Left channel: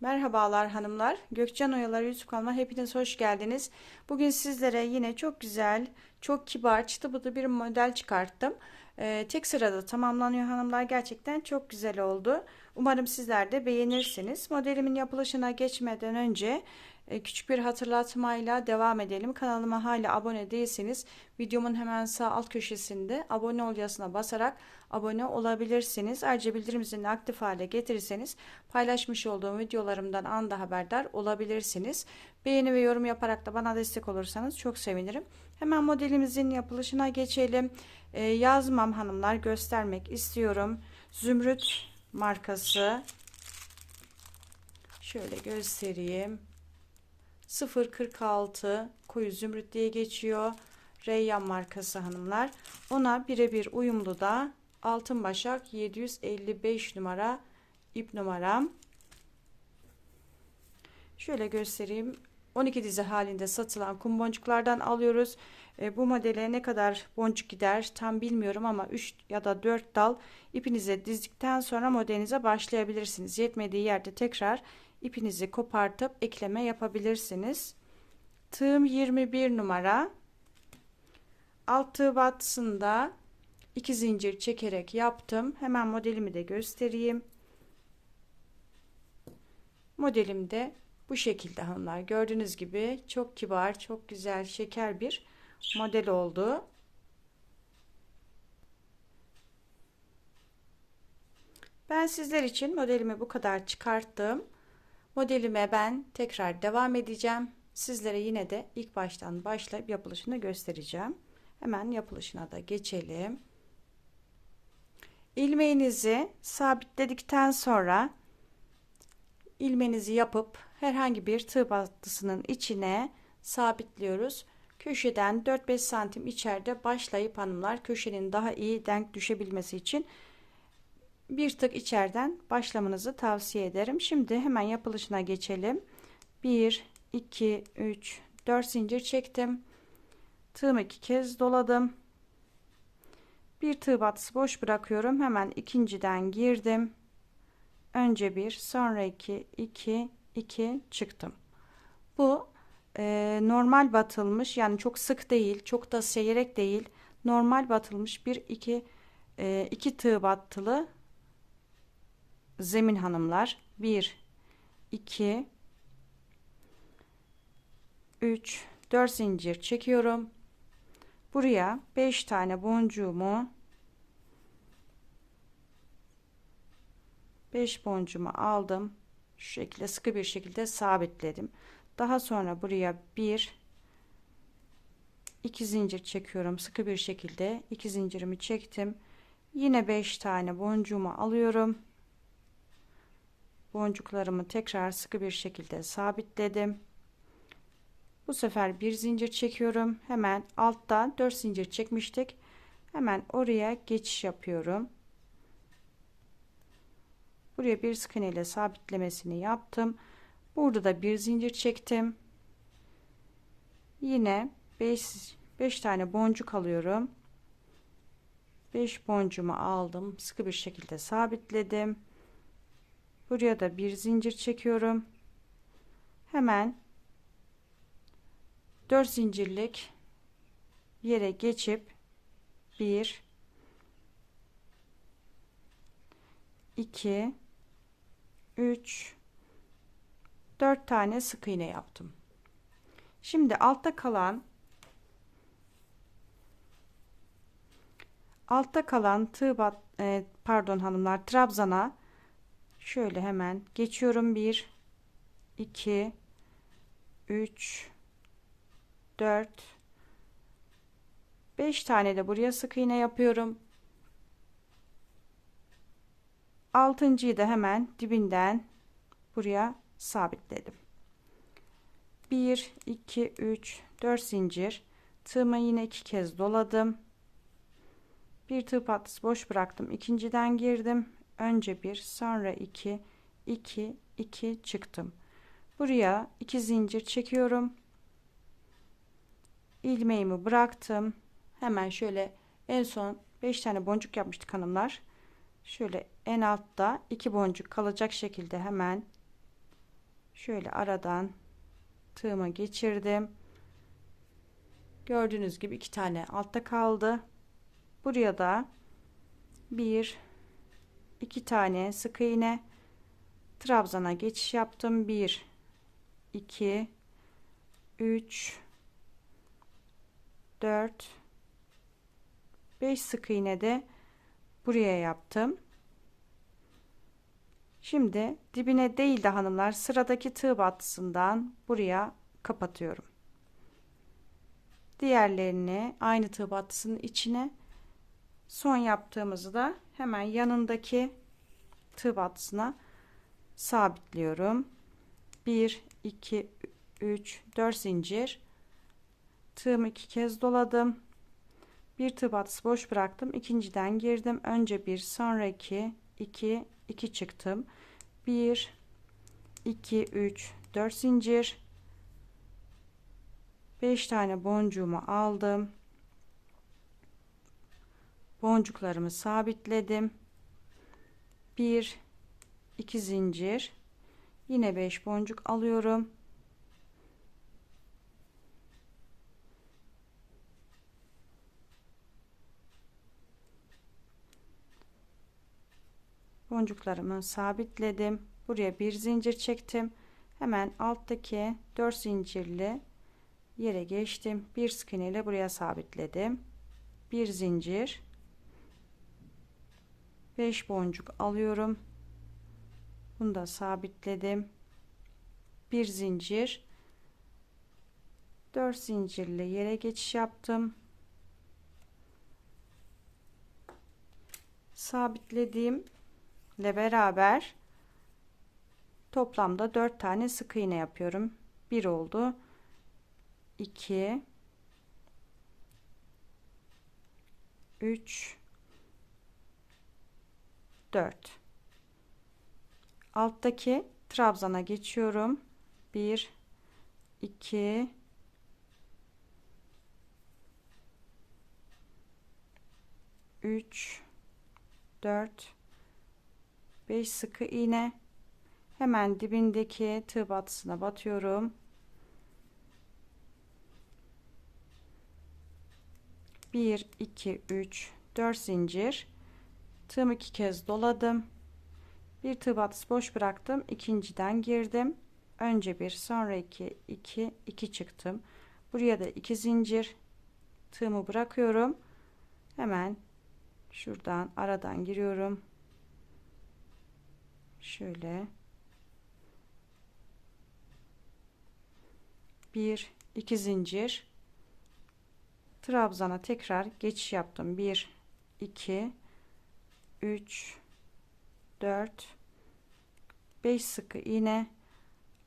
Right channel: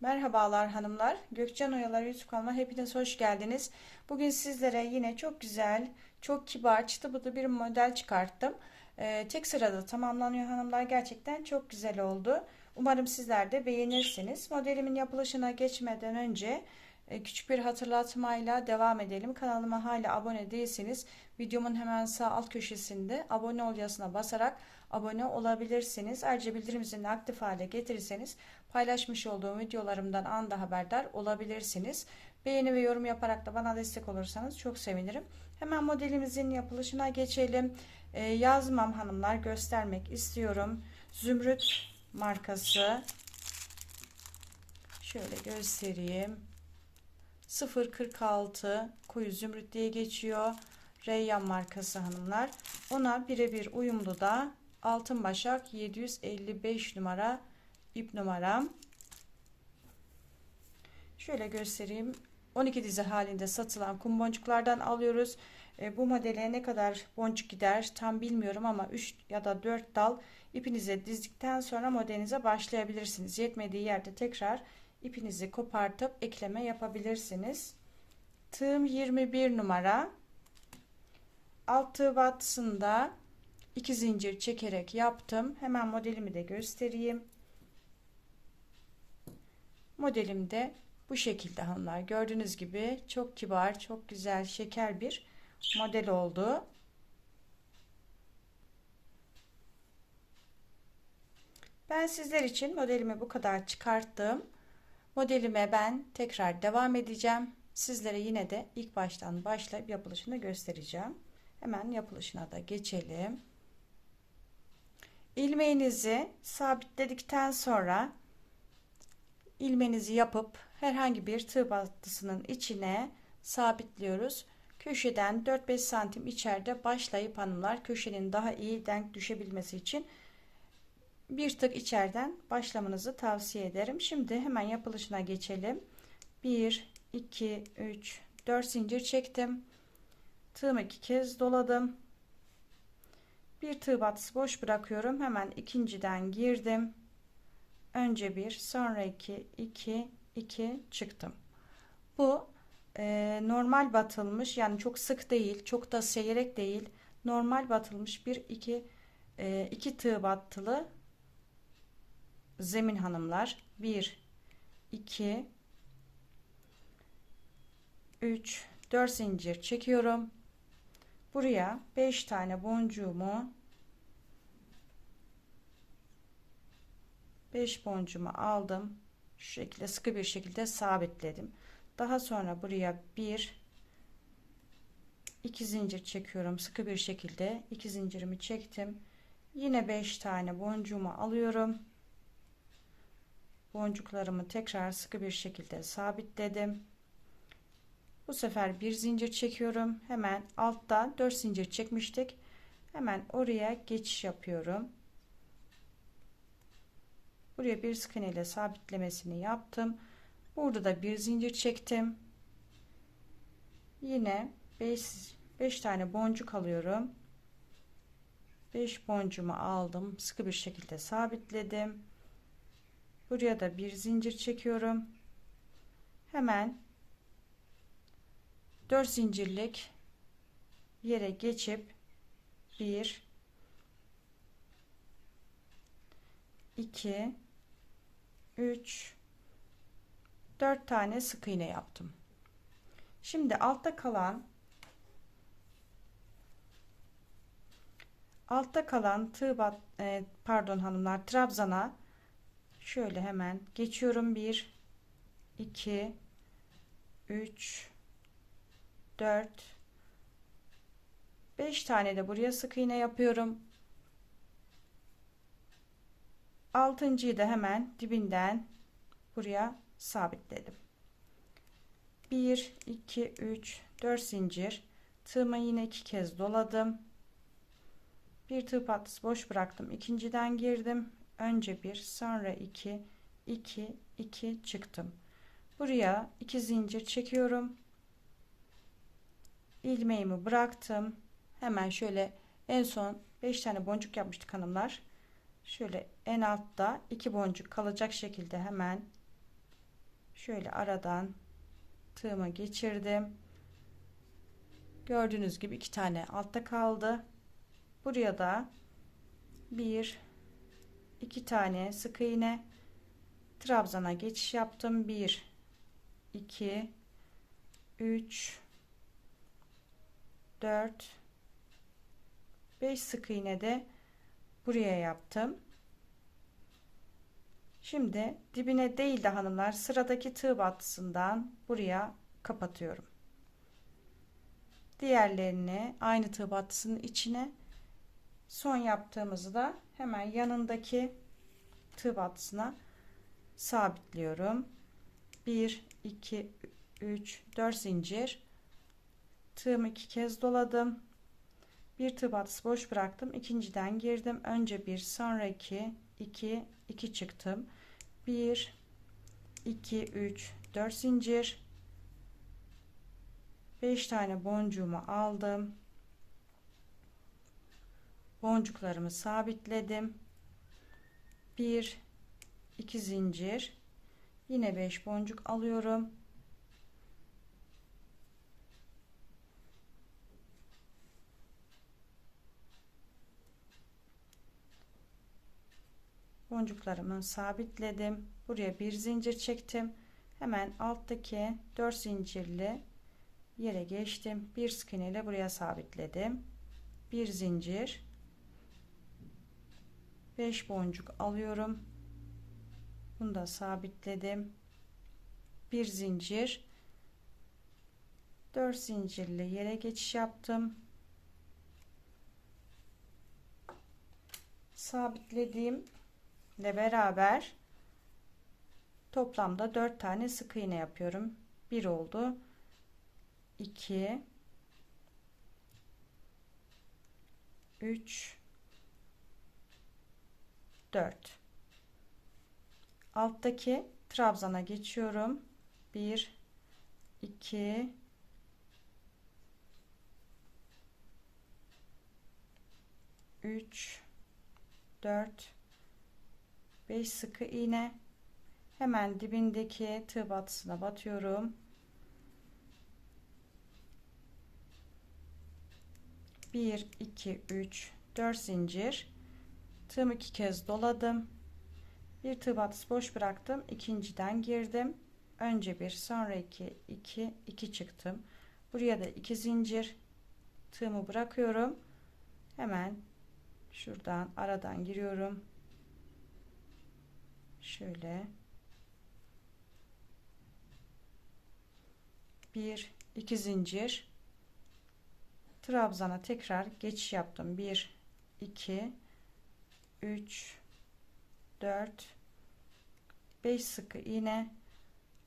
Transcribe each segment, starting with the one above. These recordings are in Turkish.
Merhabalar hanımlar. Gökçen Oyalar YouTube kanalıma hepiniz hoş geldiniz. Bugün sizlere yine çok güzel, çok kibar, çıtı bıdı bir model çıkarttım. Ee, tek sırada tamamlanıyor hanımlar. Gerçekten çok güzel oldu. Umarım sizler de beğenirsiniz. Modelimin yapılışına geçmeden önce e, küçük bir hatırlatmayla devam edelim. Kanalıma hala abone değilseniz videomun hemen sağ alt köşesinde abone ol yazısına basarak abone olabilirsiniz. Ayrıca bildirim zilini aktif hale getirirseniz paylaşmış olduğum videolarımdan anda haberdar olabilirsiniz. Beğeni ve yorum yaparak da bana destek olursanız çok sevinirim. Hemen modelimizin yapılışına geçelim. Ee, yazmam hanımlar göstermek istiyorum. Zümrüt markası. Şöyle göstereyim. 046 koyu zümrüt diye geçiyor. Reyyan markası hanımlar. Ona birebir uyumlu da Altın Başak 755 numara ip numaram. Şöyle göstereyim. 12 dizi halinde satılan kum boncuklardan alıyoruz. E, bu modele ne kadar boncuk gider tam bilmiyorum ama 3 ya da 4 dal ipinize dizdikten sonra modelinize başlayabilirsiniz. Yetmediği yerde tekrar ipinizi kopartıp ekleme yapabilirsiniz. Tığım 21 numara. Alt tığ battısında 2 zincir çekerek yaptım. Hemen modelimi de göstereyim. Modelim de bu şekilde hanımlar. Gördüğünüz gibi çok kibar, çok güzel, şeker bir model oldu. Ben sizler için modelimi bu kadar çıkarttım. Modelime ben tekrar devam edeceğim. Sizlere yine de ilk baştan başlayıp yapılışını göstereceğim. Hemen yapılışına da geçelim. İlmeğinizi sabitledikten sonra ilmenizi yapıp herhangi bir tığ battısının içine sabitliyoruz. Köşeden 4-5 santim içeride başlayıp hanımlar köşenin daha iyi denk düşebilmesi için bir tık içeriden başlamanızı tavsiye ederim. Şimdi hemen yapılışına geçelim. 1, 2, 3, 4 zincir çektim. Tığımı iki kez doladım. Bir tığ batısı boş bırakıyorum. Hemen ikinciden girdim. Önce bir, sonra iki, iki, iki çıktım. Bu e, normal batılmış yani çok sık değil, çok da seyrek değil. Normal batılmış bir iki e, iki tığ battılı zemin hanımlar. Bir, iki, üç, dört zincir çekiyorum. Buraya 5 tane boncuğumu 5 boncuğumu aldım. Şu şekilde sıkı bir şekilde sabitledim. Daha sonra buraya bir iki zincir çekiyorum. Sıkı bir şekilde iki zincirimi çektim. Yine 5 tane boncuğumu alıyorum. Boncuklarımı tekrar sıkı bir şekilde sabitledim. Bu sefer bir zincir çekiyorum. Hemen altta 4 zincir çekmiştik. Hemen oraya geçiş yapıyorum. Buraya bir sık iğne ile sabitlemesini yaptım. Burada da bir zincir çektim. Yine 5 5 tane boncuk alıyorum. 5 boncuğumu aldım. Sıkı bir şekilde sabitledim. Buraya da bir zincir çekiyorum. Hemen 4 zincirlik yere geçip 1 2 3 4 tane sık iğne yaptım. Şimdi altta kalan altta kalan tığ bat, e, pardon hanımlar trabzana şöyle hemen geçiyorum 1 2 3 4 5 tane de buraya sık iğne yapıyorum. Altıncıyı da hemen dibinden buraya sabitledim. 1 2 3 4 zincir tığımı yine iki kez doladım. Bir tığ patlısı boş bıraktım. İkinciden girdim. Önce bir, sonra iki, iki, iki çıktım. Buraya iki zincir çekiyorum ilmeğimi bıraktım. Hemen şöyle en son 5 tane boncuk yapmıştık hanımlar. Şöyle en altta iki boncuk kalacak şekilde hemen şöyle aradan tığıma geçirdim. Gördüğünüz gibi iki tane altta kaldı. Buraya da bir iki tane sık iğne trabzana geçiş yaptım. 1 2 3 4 5 sık iğne de buraya yaptım. Şimdi dibine değil de hanımlar sıradaki tığ battısından buraya kapatıyorum. Diğerlerini aynı tığ battısının içine son yaptığımızı da hemen yanındaki tığ battısına sabitliyorum. 1 2 3 4 zincir tığımı iki kez doladım. Bir tığ batısı boş bıraktım. İkinciden girdim. Önce bir sonra iki 2 2 çıktım. 1 2 3 4 zincir 5 tane boncuğumu aldım. Boncuklarımı sabitledim. 1 2 zincir yine 5 boncuk alıyorum. Boncuklarımı sabitledim. Buraya bir zincir çektim. Hemen alttaki 4 zincirli yere geçtim. Bir sık iğne ile buraya sabitledim. Bir zincir. 5 boncuk alıyorum. Bunu da sabitledim. Bir zincir. 4 zincirli yere geçiş yaptım. Sabitlediğim ile beraber toplamda 4 tane sık iğne yapıyorum. 1 oldu. 2 3 4 alttaki trabzana geçiyorum. 1 2 3 4 5 sıkı iğne. Hemen dibindeki tığ batısına batıyorum. 1 2 3 4 zincir. Tığımı iki kez doladım. Bir tığ batısı boş bıraktım. İkinciden girdim. Önce bir sonra iki 2 2 çıktım. Buraya da iki zincir. Tığımı bırakıyorum. Hemen şuradan aradan giriyorum şöyle. Bir iki zincir. Trabzana tekrar geçiş yaptım. 1 2 3 4 5 sıkı iğne.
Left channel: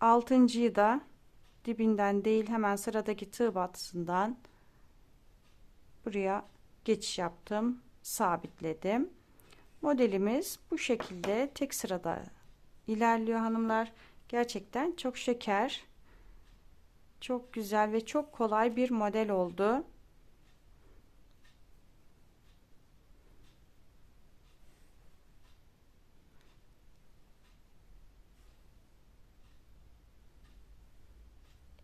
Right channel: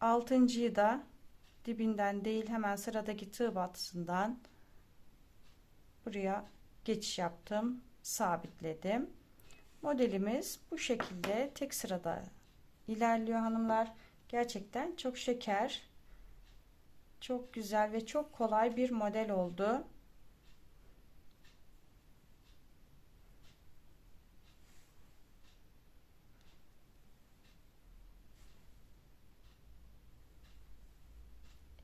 Altıncıyı da dibinden değil hemen sıradaki tığ batısından buraya geçiş yaptım. Sabitledim Modelimiz bu şekilde tek sırada ilerliyor hanımlar. Gerçekten çok şeker, çok güzel ve çok kolay bir model oldu.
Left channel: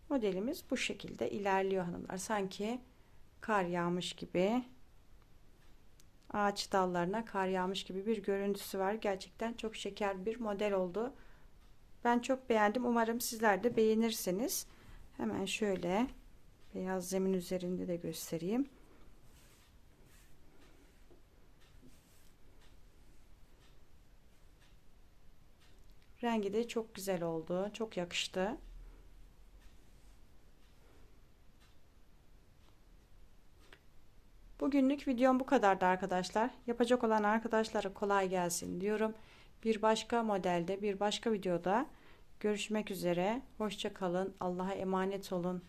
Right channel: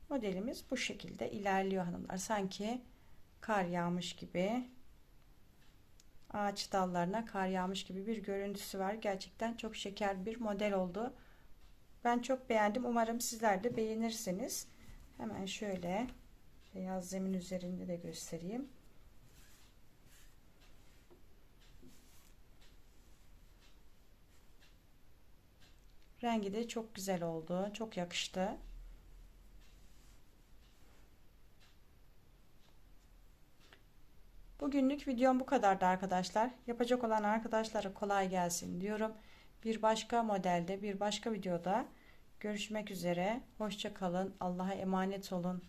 Modelimiz bu şekilde ilerliyor hanımlar. Sanki kar yağmış gibi ağaç dallarına kar yağmış gibi bir görüntüsü var. Gerçekten çok şeker bir model oldu. Ben çok beğendim. Umarım sizler de beğenirsiniz. Hemen şöyle beyaz zemin üzerinde de göstereyim. Rengi de çok güzel oldu. Çok yakıştı. Bugünlük videom bu kadardı arkadaşlar. Yapacak olan arkadaşlara kolay gelsin diyorum. Bir başka modelde bir başka videoda görüşmek üzere. Hoşça kalın. Allah'a emanet olun.